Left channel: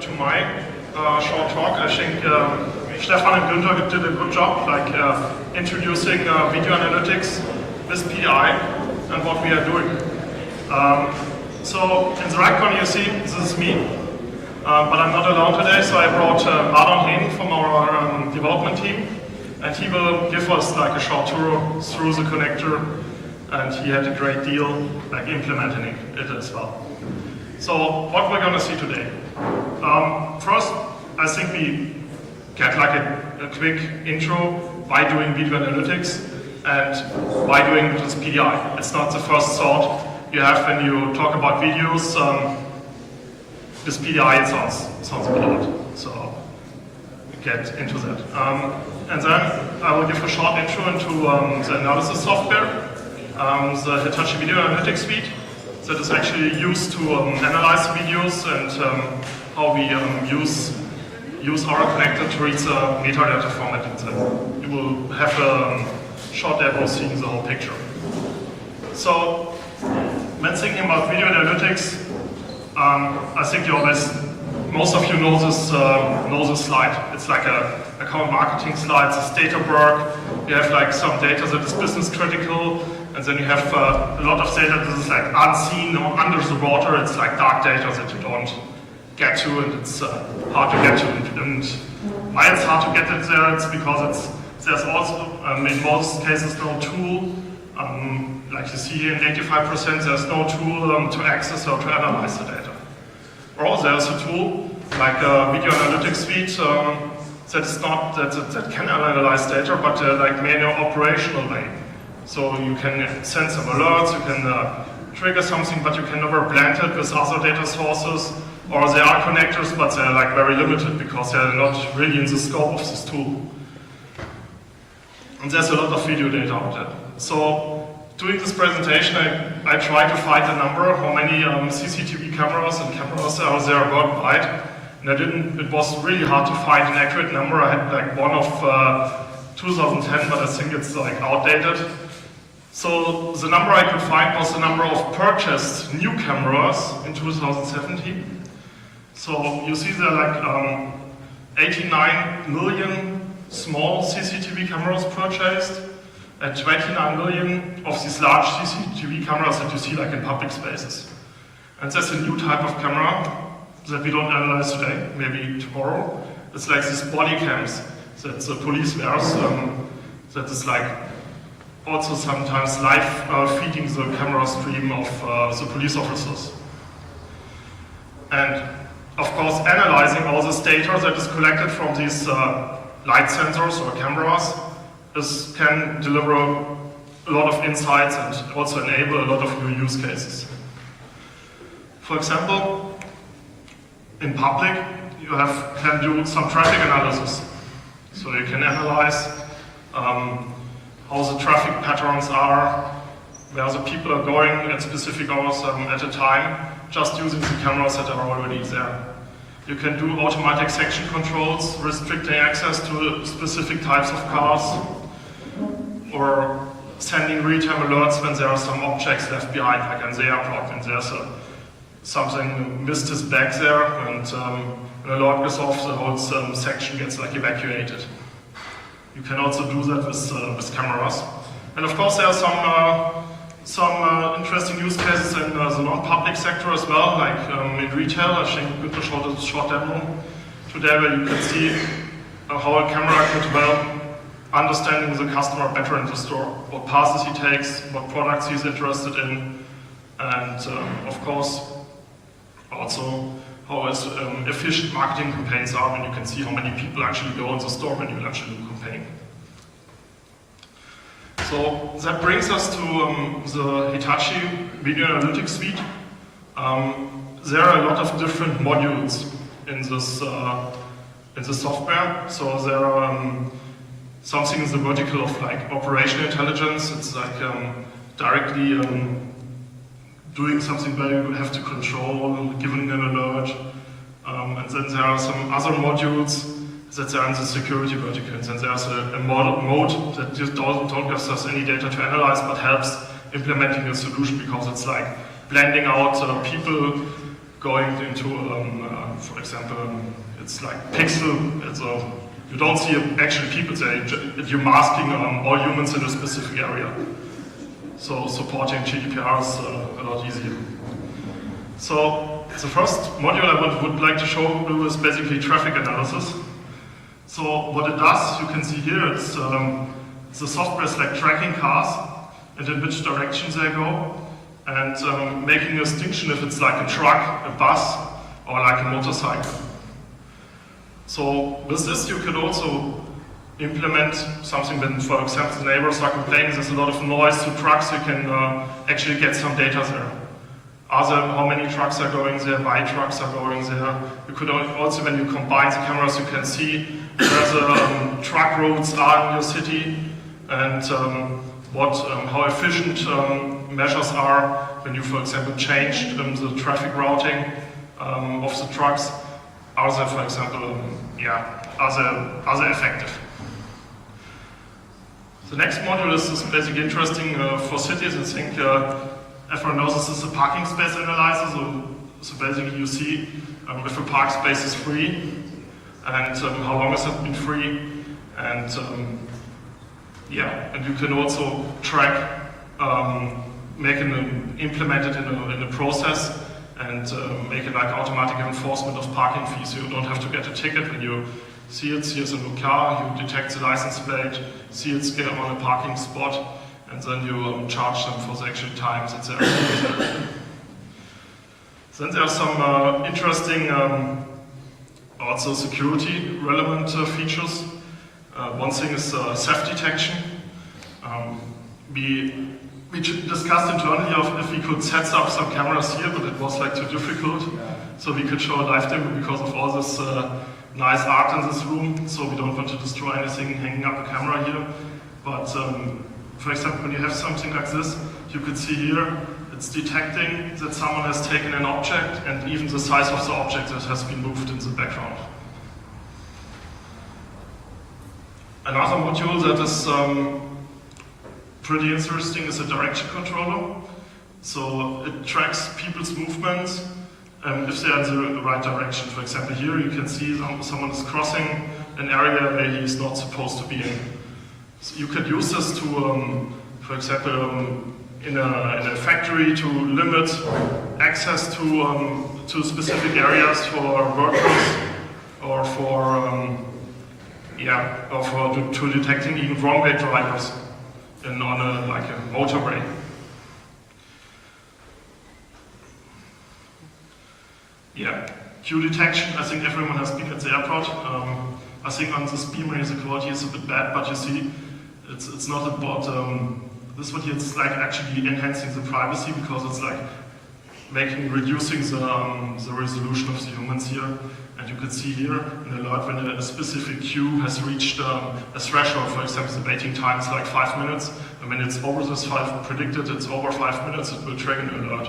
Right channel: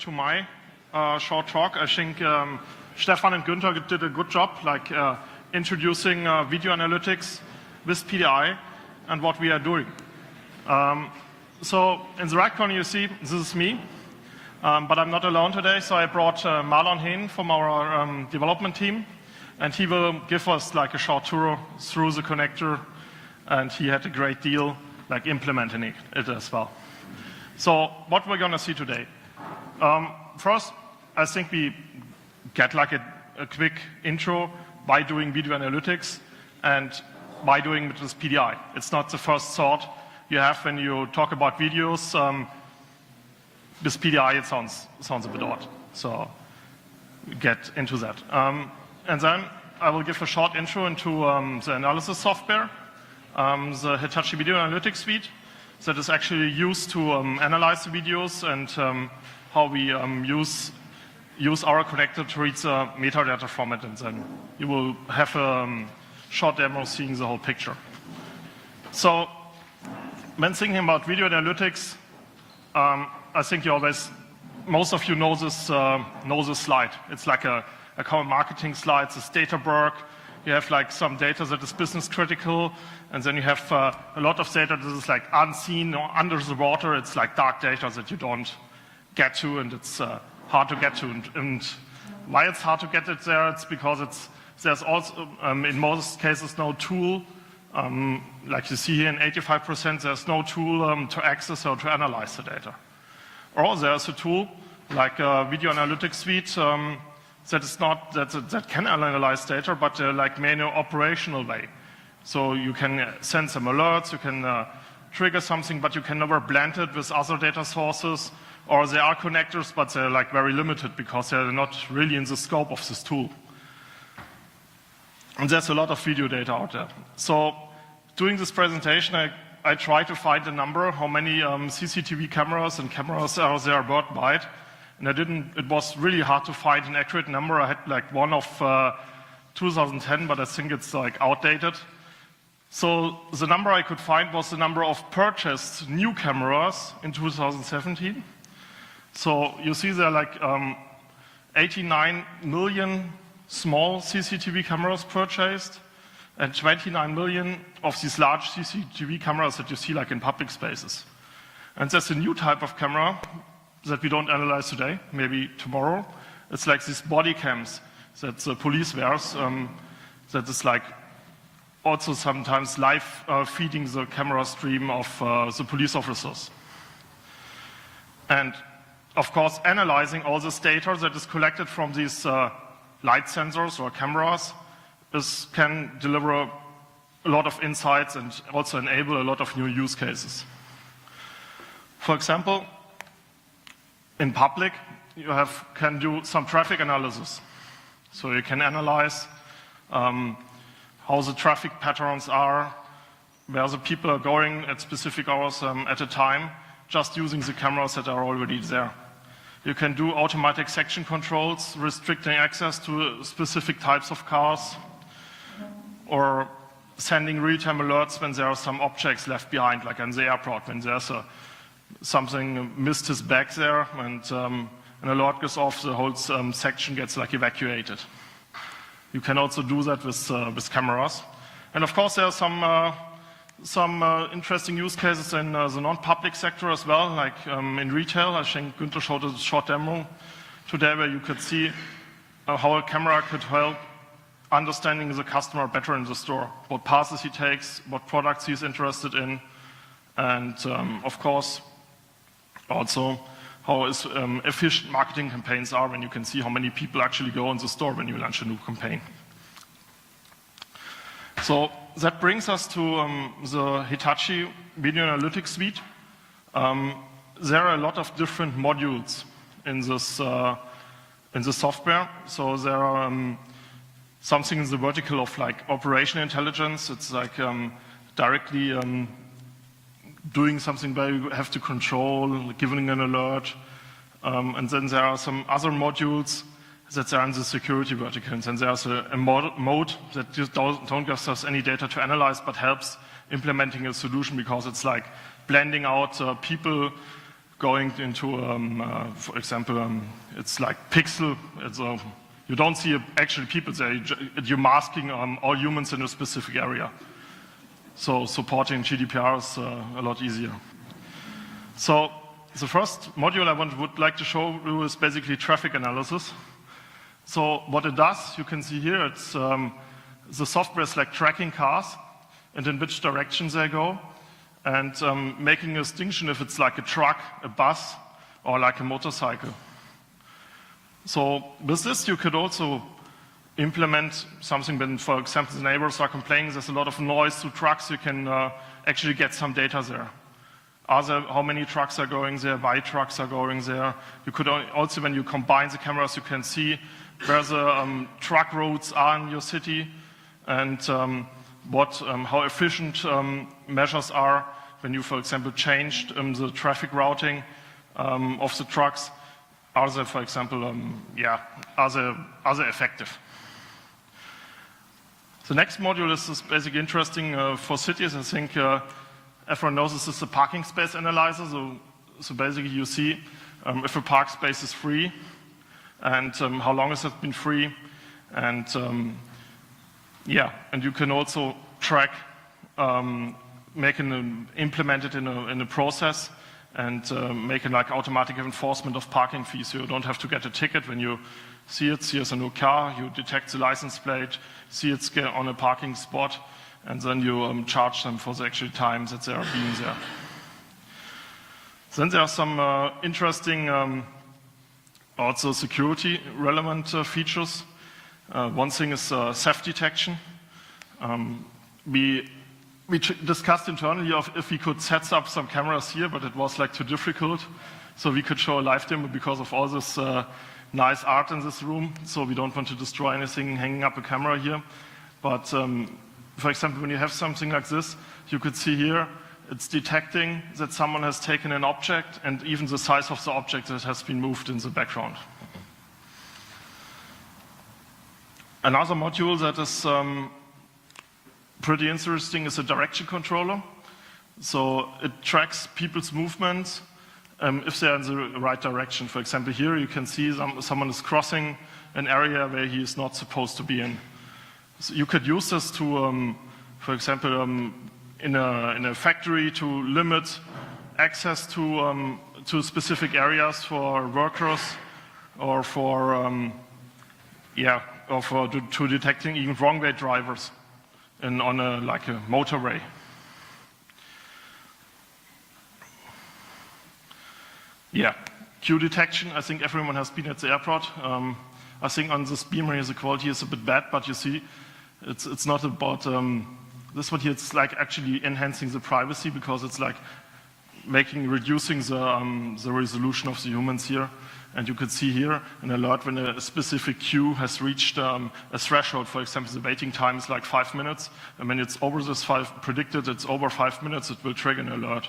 to my short talk. I think Stefan and Günther did a good job, like introducing video analytics with PI and what we are doing. So in the right corner you see, this is me, but I'm not alone today, so I brought Ardon Hehn from our development team, and he will give us like a short tour through the connector, and he had a great deal like implementing it as well. So what we're going to see today. First, I think we get like a quick intro why doing video analytics and why doing it with PDI. It's not the first thought you have when you talk about videos. With PDI it sounds a bit odd, so we get into that. And then I will give a short intro into the analysis software, the Hitachi Video Analytics suite that is actually used to analyze videos and how we use our connector to read the metadata format, and then you will have a short demo seeing the whole picture. So, when thinking about video analytics, I think most of you know this slide. It's like a common marketing slide. It's data work. You have like some data that is business critical, and then you have a lot of data that is like unseen or under the water. It's like dark data that you don't get to, and it's hard to get to. And why it's hard to get it there? It's because there's also in most cases no tool. Like you see here in 85%, there's no tool to access or to analyze the data. Or there's a tool like a Video Analytics suite that can analyze data, but like made in an operational way. So you can send some alerts, you can trigger something, but you can never blend it with other data sources. Or there are connectors, but they're like very limited because they're not really in the scope of this tool. And there's a lot of video data out there. So doing this presentation, I tried to find a number, how many CCTV cameras and cameras are there worldwide. And it was really hard to find an accurate number. I had like one of 2010, but I think it's like outdated. So the number I could find was the number of purchased new cameras in 2017. So you see there are like 89 million small CCTV cameras purchased, and 29 million of these large CCTV cameras that you see like in public spaces. And that's a new type of camera that we don't analyze today, maybe tomorrow. It's like these body cams that the police wears, that is like also sometimes live feeding the camera stream of the police officers. And of course, analyzing all this data that is collected from these light sensors or cameras can deliver a lot of insights and also enable a lot of new use cases. For example, in public, you can do some traffic analysis. So you can analyze how the traffic patterns are, where the people are going at specific hours at a time, just using the cameras that are already there. You can do automatic section controls, restricting access to specific types of cars, or sending real-time alerts when there are some objects left behind, like on the airport, and there's something missed his bag there, and an alert goes off, the whole section gets like evacuated. You can also do that with cameras. And of course there are some interesting use cases in the non-public sector as well, like in retail. I think Günther showed a short demo today where you could see how a camera could help understanding the customer better in the store, what passes he takes, what products he's interested in, and of course also how efficient marketing campaigns are when you can see how many people actually go in the store when you launch a new campaign. So that brings us to the Hitachi Video Analytics suite. There are a lot of different modules in this software. So there are something in the vertical of like operational intelligence. It's like directly doing something where you have to control, giving an alert. And then there are some other modules that are in the security vertical. And then there's a mode that just don't give us any data to analyze, but helps implementing a solution, because it's like blending out people going into, for example, it's like pixel, so you don't see actually people there, you're masking all humans in a specific area. So supporting GDPR is a lot easier. So the first module I would like to show you is basically traffic analysis. So what it does, you can see here, the software is like tracking cars and in which directions they go, and making a distinction if it's like a truck, a bus, or like a motorcycle. So with this you could also implement something when, for example, the neighbors are complaining there's a lot of noise to trucks, you can actually get some data there. How many trucks are going there, why trucks are going there. You could also, when you combine the cameras, you can see where the truck roads are in your city, and how efficient measures are when you, for example, changed the traffic routing of the trucks. Are they, for example, are they effective? The next module is basically interesting for cities. I think everyone knows this is a parking space analyzer. So basically you see if a park space is free and how long has it been free, and and you can also track, implement it in a process and make it like automatic enforcement of parking fees. So you don't have to get a ticket when you see it, see it's a new car, you detect the license plate, see it's on a parking spot, and then you charge them for the actual times that they're there. Then there are some interesting, also security relevant features. One thing is theft detection. We discussed internally if we could set up some cameras here, but it was like too difficult. So we could show a live demo because of all this nice art in this room. So we don't want to destroy anything hanging up a camera here. But for example, when you have something like this, you could see here, it's detecting that someone has taken an object and even the size of the object that has been moved in the background. Another module that is pretty interesting is a direction controller. So it tracks people's movements if they're in the right direction. For example, here you can see someone is crossing an area where he's not supposed to be in. So you could use this to, for example, in a factory to limit access to specific areas for workers, or to detecting even wrong way drivers on a motorway. Queue detection. I think everyone has been at the airport. I think on this beamer here the quality is a bit bad, but you see, it's not about this one here. It's like actually enhancing the privacy, because it's like reducing the resolution of the humans here. And you could see here an alert when a specific queue has reached a threshold. For example, the waiting time is like 5 minutes, and when it's over this predicted it's over 5 minutes, it will trigger an alert.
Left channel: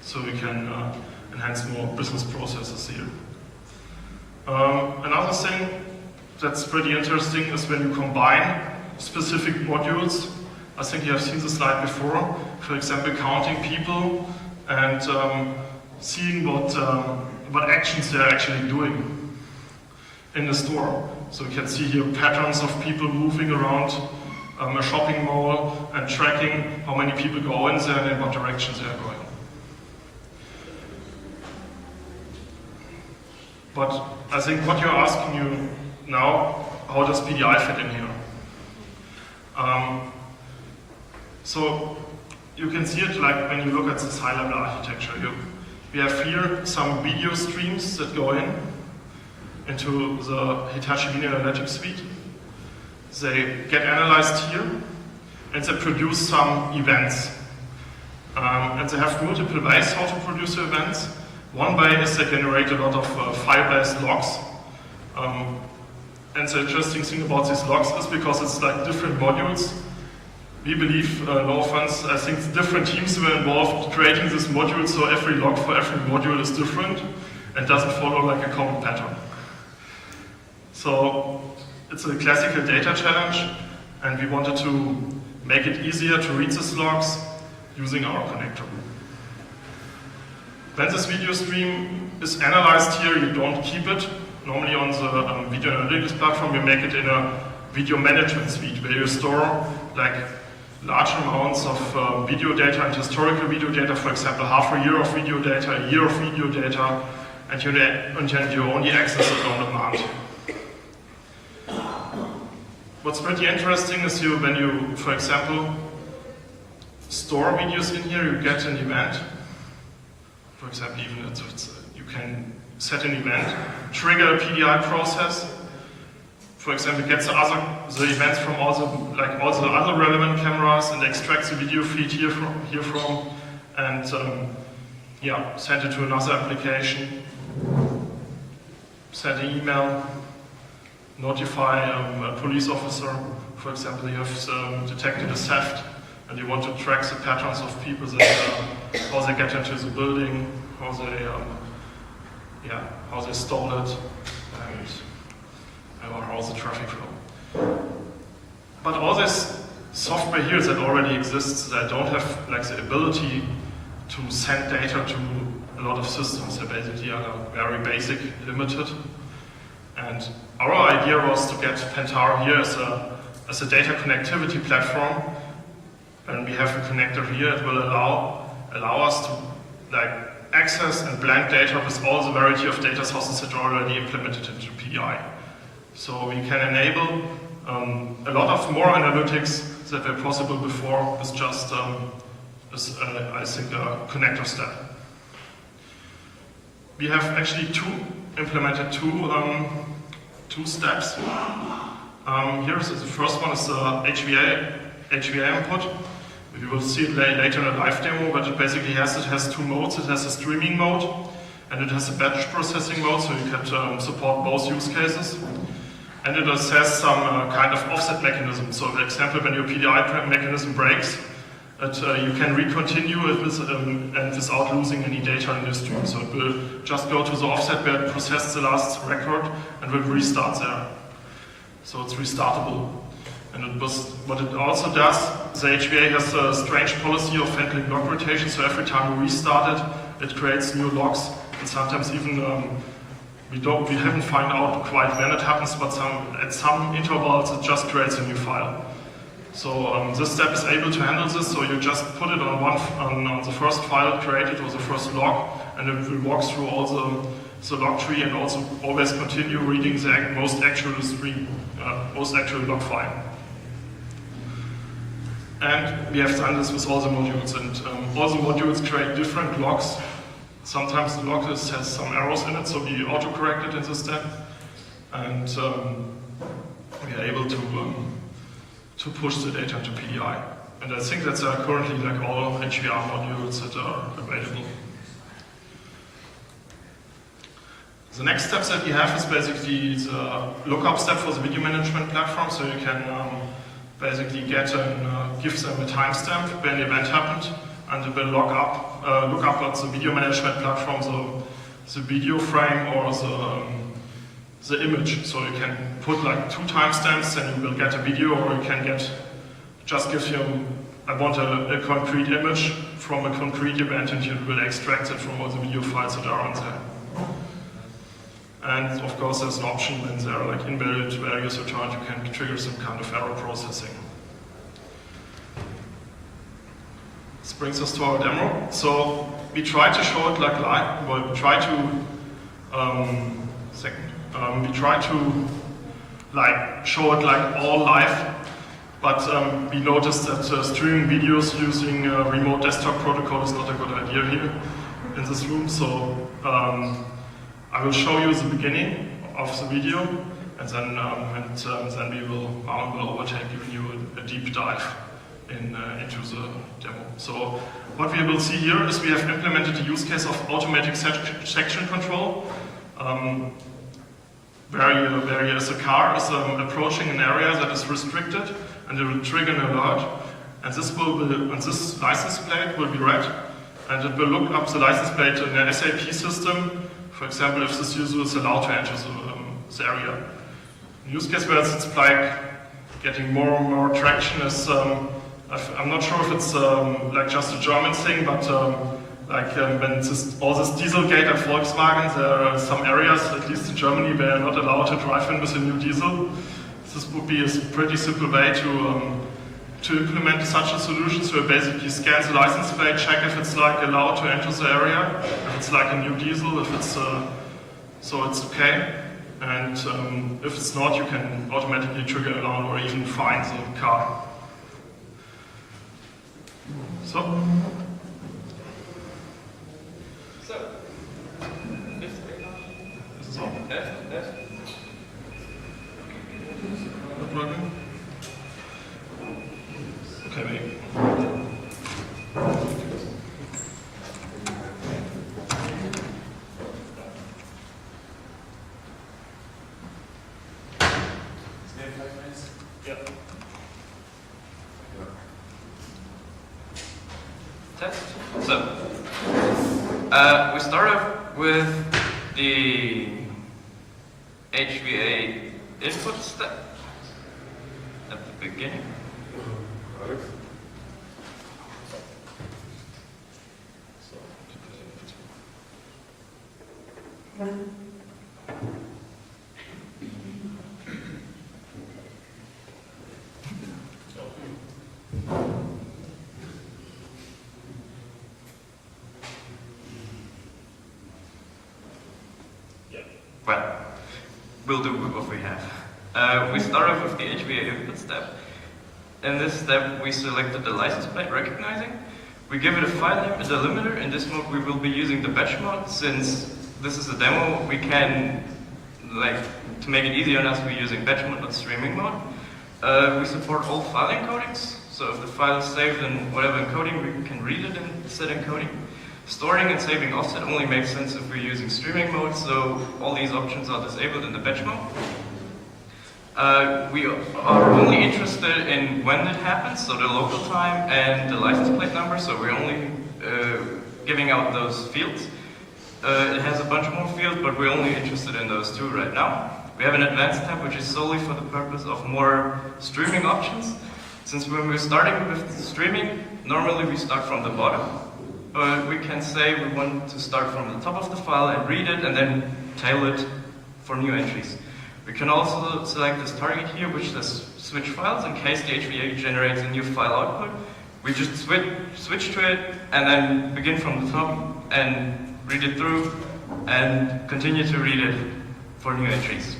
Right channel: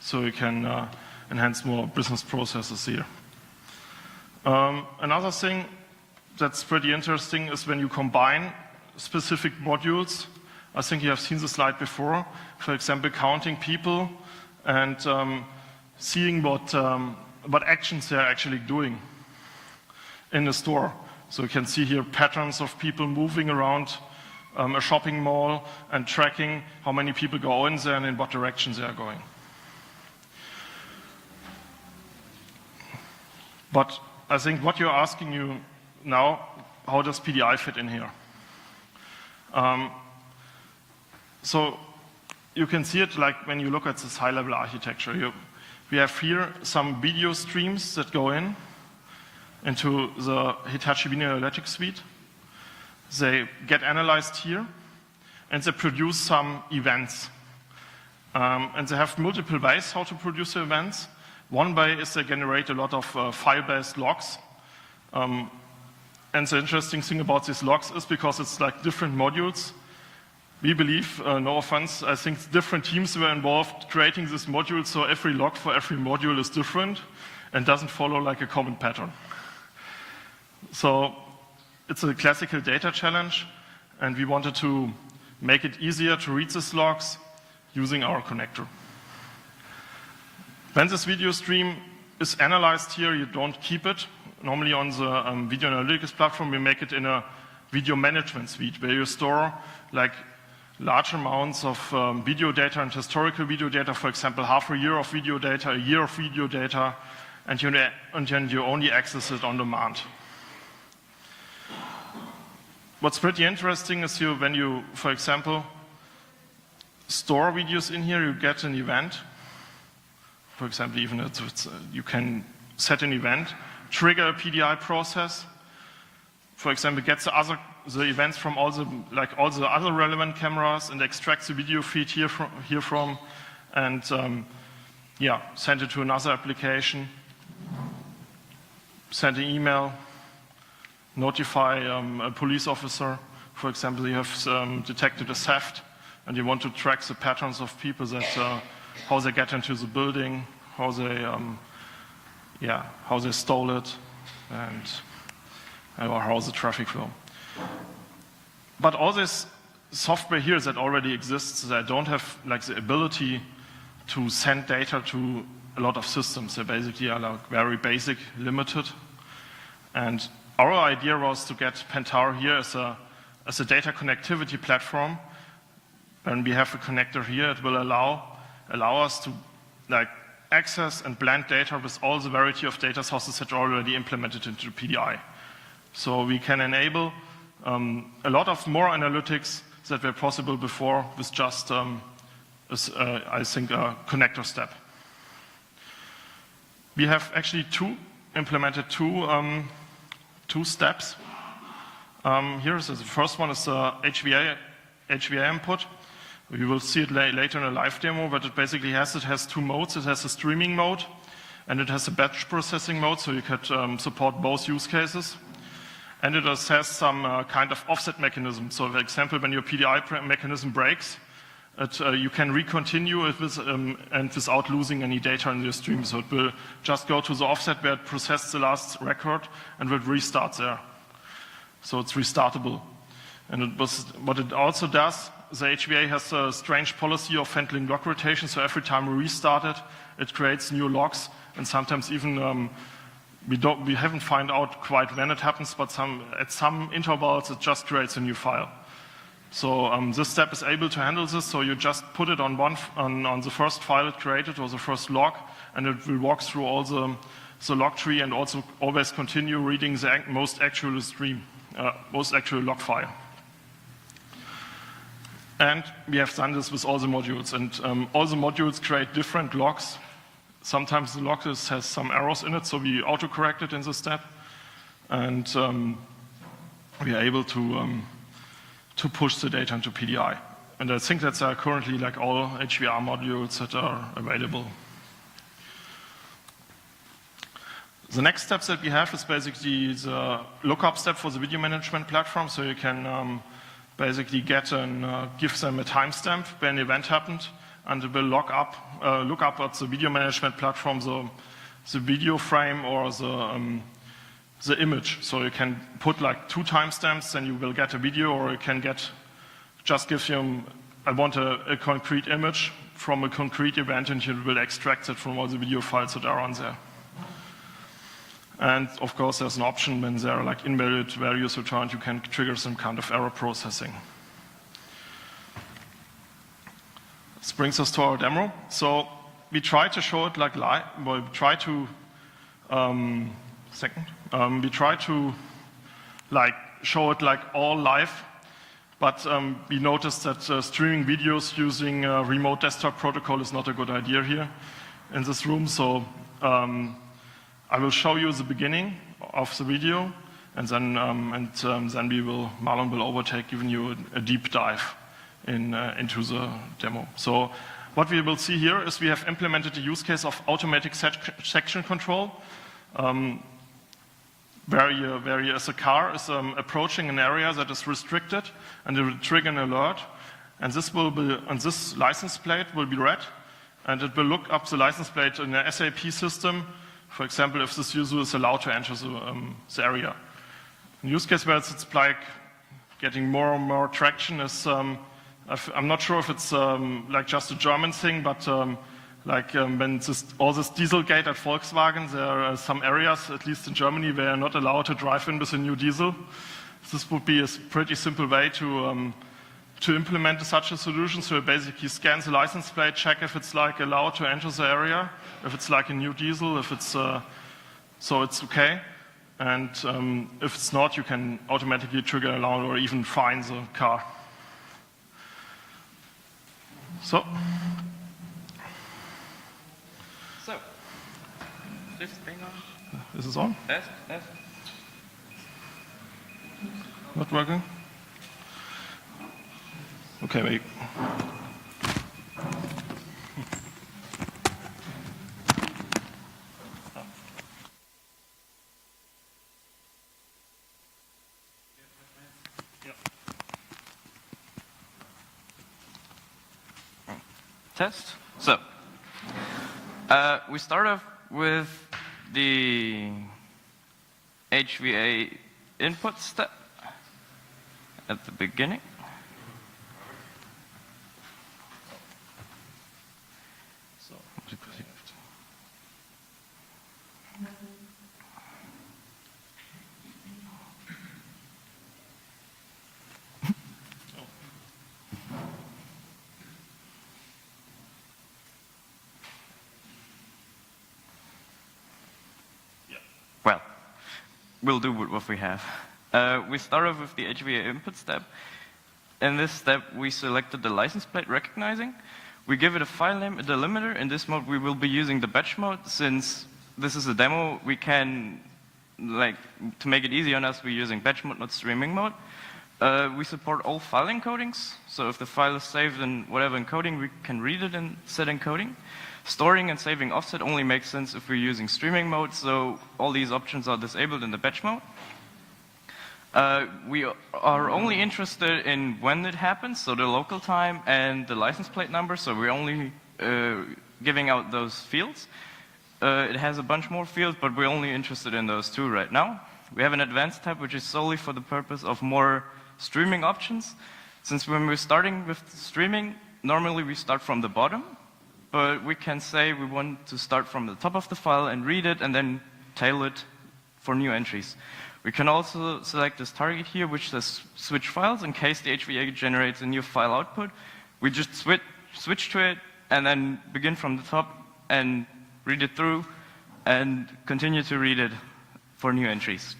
So we can enhance more business processes here. Another thing that's pretty interesting is when you combine specific modules. I think you have seen the slide before. For example, counting people and seeing what actions they're actually doing in the store. So you can see here patterns of people moving around a shopping mall and tracking how many people go in there and in what directions they're going. But I think what you're asking you now, how does PDI fit in here? So you can see it like when you look at this high-level architecture. We have here some video streams that go into the Hitachi Video Analytics suite. They get analyzed here, and they produce some events. And they have multiple ways how to produce the events. One way is they generate a lot of file-based logs. And the interesting thing about these logs is because it's like different modules. We believe, no offense, I think different teams were involved creating this module, so every log for every module is different and doesn't follow like a common pattern. So it's a classical data challenge, and we wanted to make it easier to read these logs using our connector. When this video stream is analyzed here, you don't keep it. Normally on the Video Analytics platform, you make it in a video management suite where you store like large amounts of video data and historical video data, for example, half a year of video data, a year of video data, and you only access it on demand. What's pretty interesting is when you, for example, store videos in here, you get an event. For example, even you can set an event, trigger a PDI process. For example, get the events from all the other relevant cameras and extract the video feed here from, and send it to another application. Send an email, notify a police officer. For example, you have detected a theft and you want to track the patterns of people that how they get into the building, how they stole it, or how the traffic flow. But all this software here that already exists, that don't have like the ability to send data to a lot of systems. They basically are very basic, limited. And our idea was to get Pentaho here as a data connectivity platform. And we have a connector here that will allow us to like access and blend data with all the variety of data sources that are already implemented into PDI. So we can enable a lot of more analytics that were possible before with just, I think, a connector step. We have actually implemented two steps. Here, so the first one is HVA input. We will see it later in a live demo, but it basically has two modes. It has a streaming mode and it has a batch processing mode, so you can support both use cases. And it has some kind of offset mechanism. So for example, when your PDI mechanism breaks, you can recontinue it and without losing any data in the stream. So it will just go to the offset where it processed the last record and will restart there. So it's restartable. And what it also does, the HVA has a strange policy of handling log rotation, so every time we restart it creates new logs, and sometimes even we haven't found out quite when it happens, but at some intervals it just creates a new file. So this step is able to handle this, so you just put it on the first file created or the first log, and it will walk through all the log tree and also always continue reading the most actual log file. And we have done this with all the modules, and all the modules create different logs. Sometimes the log has some errors in it, so we auto-correct it in this step, and we are able to push the data into PDI. And I think that's currently like all HVR modules that are available. The next steps that we have is basically the lookup step for the video management platform, so you can basically give them a timestamp when the event happened, and it will look up at the video management platform the video frame or the image. So you can put like two timestamps and you will get a video, or you can I want a concrete image from a concrete event, and you will extract it from all the video files that are on there. And of course there's an option when there are like invalid values returned, you can trigger some kind of error processing. This brings us to our demo. So we try to show it like live, well, we try to show it like all live, but we noticed that streaming videos using remote desktop protocol is not a good idea here in this room. So I will show you the beginning of the video, and then Marlon will overtake, giving you a deep dive into the demo. So what we will see here is we have implemented a use case of automatic section control, where a car is approaching an area that is restricted, and it will trigger an alert, and this license plate will be read, and it will look up the license plate in an SAP system. For example, if this user is allowed to enter the area. The use case where it's like getting more and more traction is, I'm not sure if it's like just a German thing, but Like when all this Dieselgate at Volkswagen, there are some areas, at least in Germany, where you're not allowed to drive in with a new diesel. This would be a pretty simple way to implement such a solution. So it basically scans the license plate, check if it's like allowed to enter the area, if it's like a new diesel, if it's so it's okay. And if it's not, you can automatically trigger an alarm or even fine the car. So, is this on? Yes. Not working? Okay, wait. Test. So, we start off with the HVA input step at the beginning. Well, we'll do with what we have. We start off with the HVA input step. In this step, we selected the license plate recognizing. We give it a file name, a delimiter. In this mode, we will be using the batch mode. Since this is a demo, we can, to make it easier on us, we're using batch mode, not streaming mode. We support all file encodings. So if the file is saved in whatever encoding, we can read it in set encoding. Storing and saving offset only makes sense if we're using streaming mode, so all these options are disabled in the batch mode. We are only interested in when it happens, so the local time and the license plate number, so we're only giving out those fields. It has a bunch more fields, but we're only interested in those two right now. We have an advanced tab, which is solely for the purpose of more streaming options. Since when we're starting with streaming, normally we start from the bottom. But we can say we want to start from the top of the file and read it and then tail it for new entries. We can also select this target here, which says switch files in case the HVA generates a new file output. We just switch to it and then begin from the top and read it through and continue to read it for new entries.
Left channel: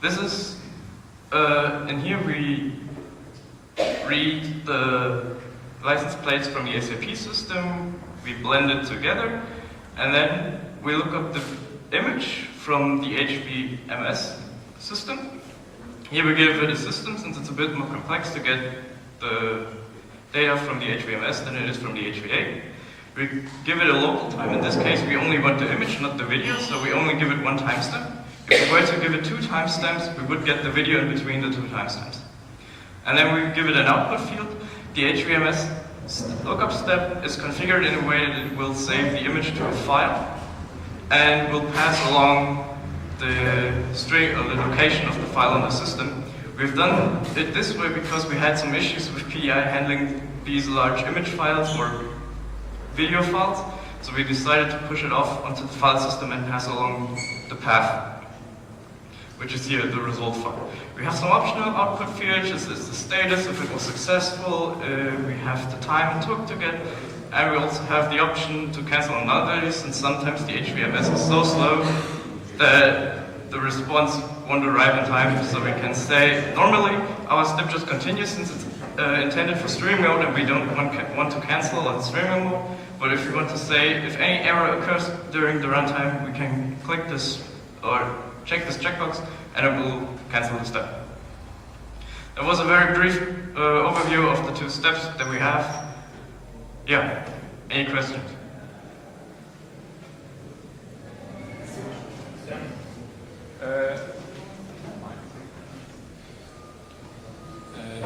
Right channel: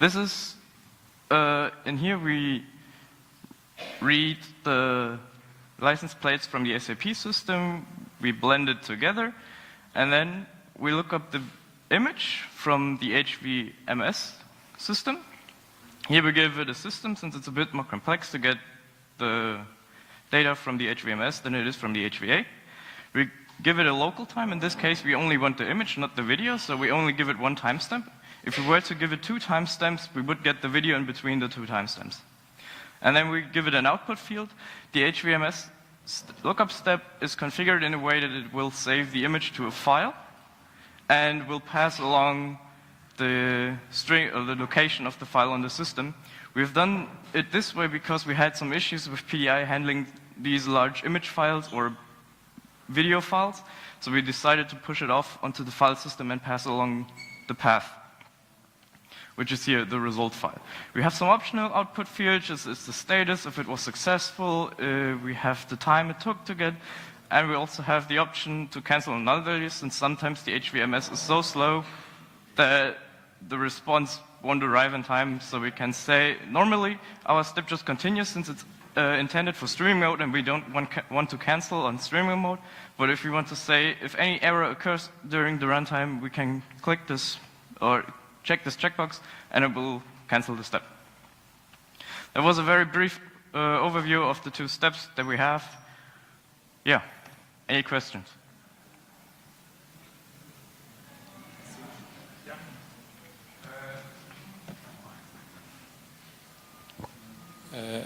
This is, in here we read the license plates from the SAP system, we blend it together, and then we look up the image from the HVMS system. Here we give it a system, since it's a bit more complex to get the data from the HVMS than it is from the HVA. We give it a local time. In this case, we only want the image, not the video, so we only give it one timestamp. If we were to give it two timestamps, we would get the video in between the two timestamps. And then we give it an output field. The HVMS lookup step is configured in a way that it will save the image to a file and will pass along the string or the location of the file in the system. We've done it this way because we had some issues with PDI handling these large image files or video files, so we decided to push it off onto the file system and pass along the path, which is here the result file. We have some optional output fields. This is the status, if it was successful. We have the time it took to get, and we also have the option to cancel null values, and sometimes the HVMS is so slow that the response won't arrive in time, so we can say, normally our step just continues since it's intended for streaming mode and we don't want to cancel on streaming mode, but if we want to say, if any error occurs during the runtime, we can click this or check this checkbox and it will cancel the step. That was a very brief overview of the two steps that we have. Yeah, any questions?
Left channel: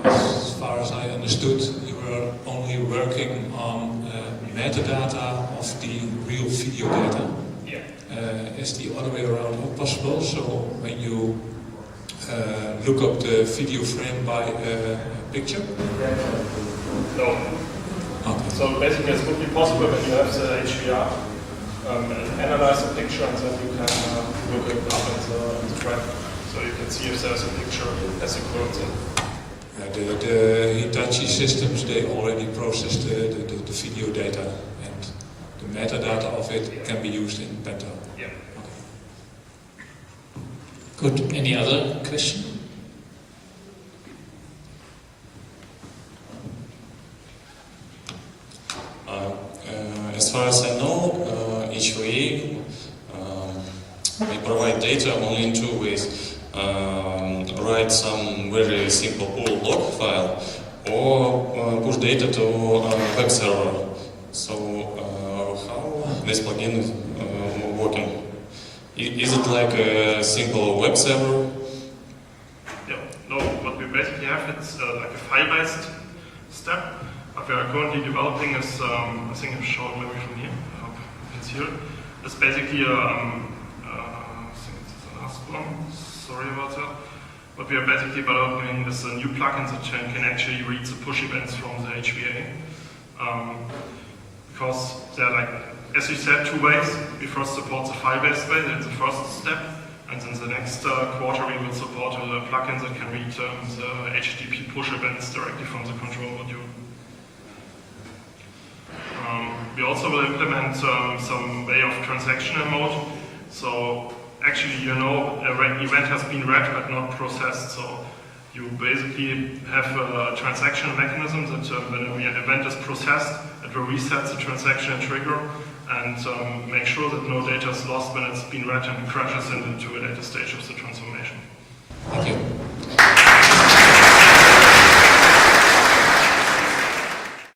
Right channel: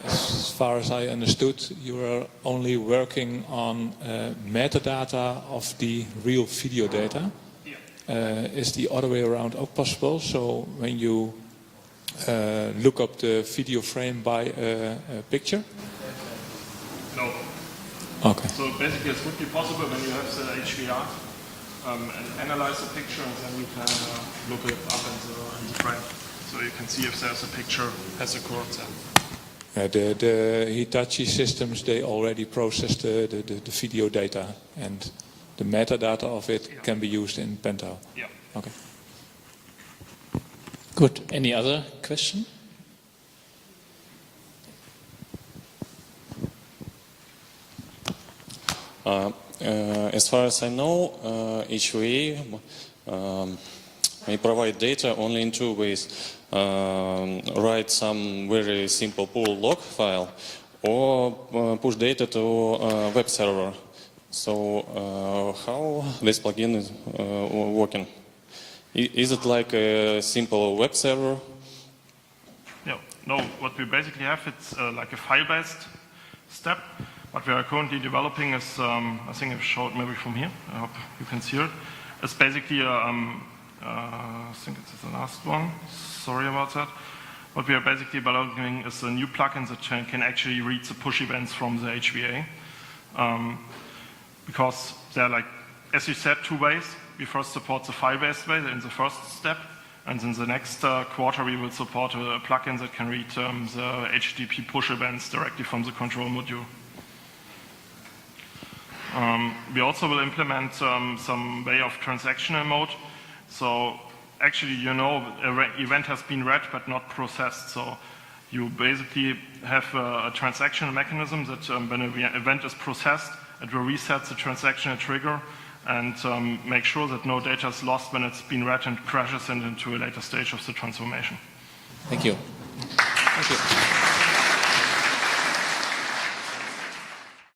As far as I understood, you were only working on metadata of the real video data. Is the other way around possible? So when you look up the video frame by a picture? No. Okay. So basically, it would be possible when you have the HVR analyze the picture, and then you can look it up in the graph, so you can see if there's a picture has occurred there. The Hitachi systems, they already process the video data, and the metadata of it can be used in Pentaho. Yeah. Okay. Good. Any other question? As far as I know, HVA may provide data only in two ways. Write some very simple pull log file or push data to a web server. So how this plugin is working? Is it like a simple web server? Yeah. No, what we basically have, it's like a file-based step. What we are currently developing is, I think it's showed maybe from here, I hope you can see it. It's basically, I think it's the last one, sorry about that. What we are basically developing is a new plugin that can actually read the push events from the HVA. Because there are, like, as you said, two ways. We first support the file-based way, that's the first step. And in the next quarter we will support a plugin that can read the HTTP push events directly from the control module. We also will implement some way of transactional mode. So actually, you know, an event has been read but not processed. So you basically have a transactional mechanism that when an event is processed, it will reset the transactional trigger and make sure that no data is lost when it's been read and crashes into a later stage of the transformation. Thank you.